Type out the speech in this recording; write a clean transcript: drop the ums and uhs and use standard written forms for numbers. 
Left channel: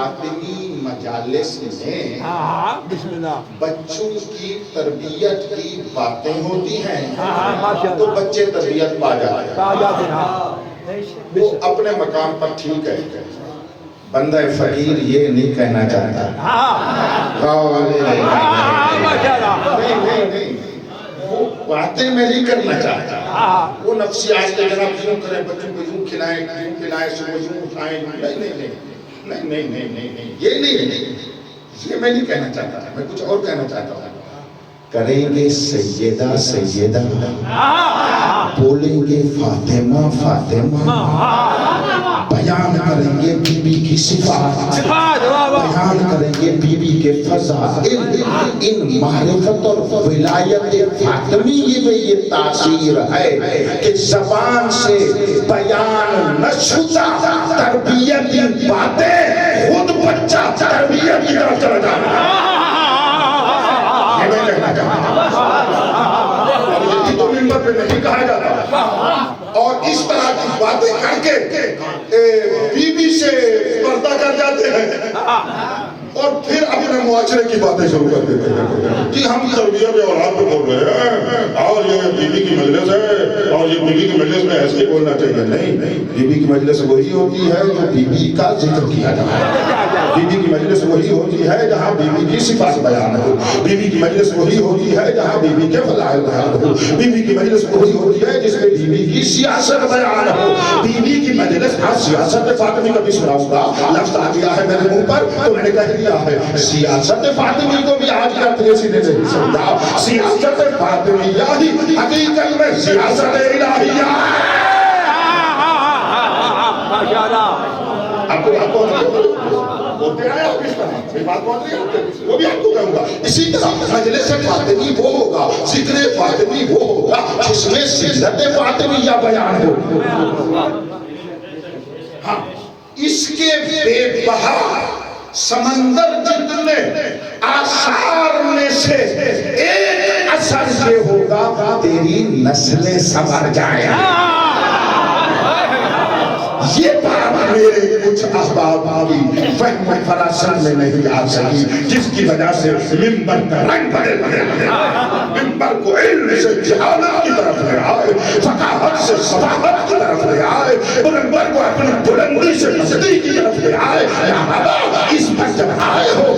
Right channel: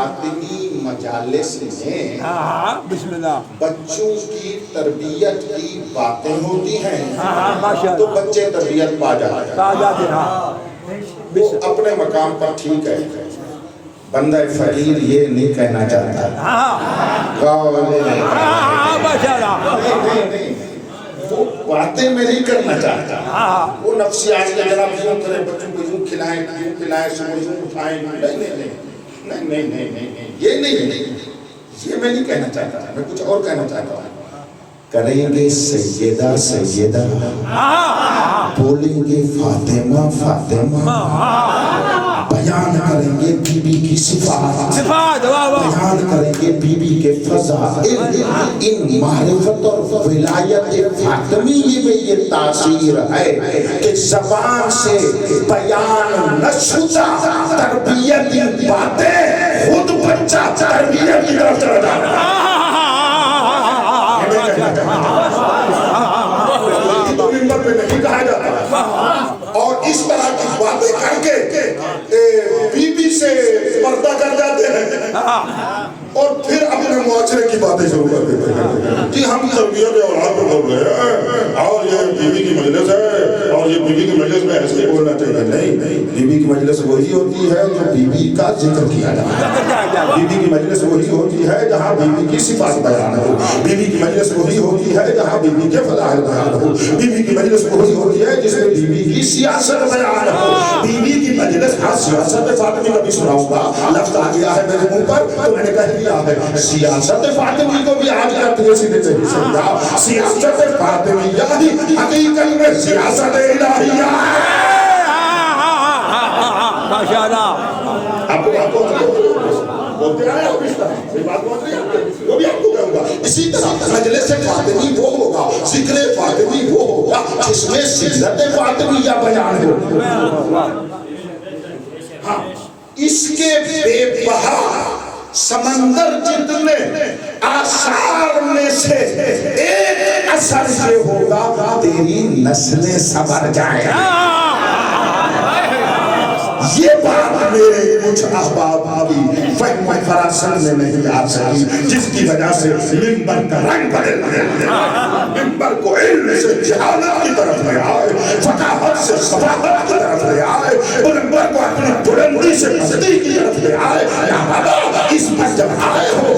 فاطمی مجالس میں بسم اللہ بچوں کی تربیت کی باتیں ہوتی ہیں ماشاء تو اللہ بچے تربیت پا جاتے ہیں۔ تعداد وہ اپنے مقام پر ٹھیک ہے، بندہ فقیر یہ نہیں کہنا چاہتا نہیں، وہ باتیں میں نہیں کرنا چاہتا، وہ نفسیات کے جناب یوں کریں، بچوں کو یوں کھلائیں، یوں پلائیں، صبح یوں اٹھائیں، نہیں، یہ میں نہیں کہنا چاہتا، میں کچھ اور کہنا چاہتا ہوں۔ کریں گے سیدہ سیدہ، بولیں گے فاطمہ فاطمہ، بیان کریں گے بی بی کی صفات، بیان کریں گے بی بی کے فضائل، ان معرفت اور ولایت فاطمی میں یہ تاثیر ہے کہ زبان سے بیان نہ شدہ تربیت کی باتیں خود بچہ تربیت کی طرف چلا جاتا ہے۔ یہ میں کہنا چاہتا ہوں، یہ تو منبر پہ نہیں کہا جاتا، اور اس طرح کی باتیں کر کے بی بی سے پردہ کر جاتے ہیں اور پھر اپنے معاشرے کی باتیں شروع کر دیتے ہیں۔ جی ہم تربیت اولاد پہ بول رہے ہیں اور یہ بی بی کی مجلس ہے اور یہ بی بی کی مجلس میں ایسے ہی بولنا چاہیے۔ نہیں، بی بی کی مجلس وہی ہوتی ہے جو بی بی کا ذکر کیا جاتا ہے۔ بی بی کی مجلس وہی ہوتی ہے جہاں بی بی کی صفات بیان ہو۔ بی بی کی مجلس وہی ہوتی ہے جہاں بی بی کے فضائل بیان ہو۔ بی بی کی مجلس وہی ہوتی ہے جس میں بی بی کی سیاست بیان ہو۔ بی بی کی مجلس، ہاں سیاست فاطمی کا بھی سناؤں گا، لفظ آ گیا ہے میرے منہ پر تو میں نے کہہ دیا ہے، سیاست فاطمی کو بھی آج کا تجھے سیدھے سے سمجھا، سیاست فاطمیہ ہی حقیقت میں سیاست الہیہ ہے۔ آپ کو بولتے آئے آپ اس طرح میری بات بہت رہی ہے، وہ بھی آپ کو کہوں گا۔ اسی طرح مجلس فاطمی وہ ہوگا، ذکر فاطمی وہ ہوگا جس میں سیرت فاطمیہ بیان ہو۔ ہاں، اس کے بے بہا سمندر جتنے آثار میں سے ایک اثر یہ ہوگا تیری نسلیں سنور جائیں۔ یہ بات میرے کچھ احباب ابھی فہم و فراست میں نہیں آ سکی، جس کی وجہ سے منبر کا رنگ بدل گیا، منبر کو علم سے جہالت کی طرف لے آئے، فقاہت سے صفاقت کی طرف لے آئے، منبر کو اپنی بلندی سے پستی کی طرف لے آئے۔ اس پر جب آئے ہو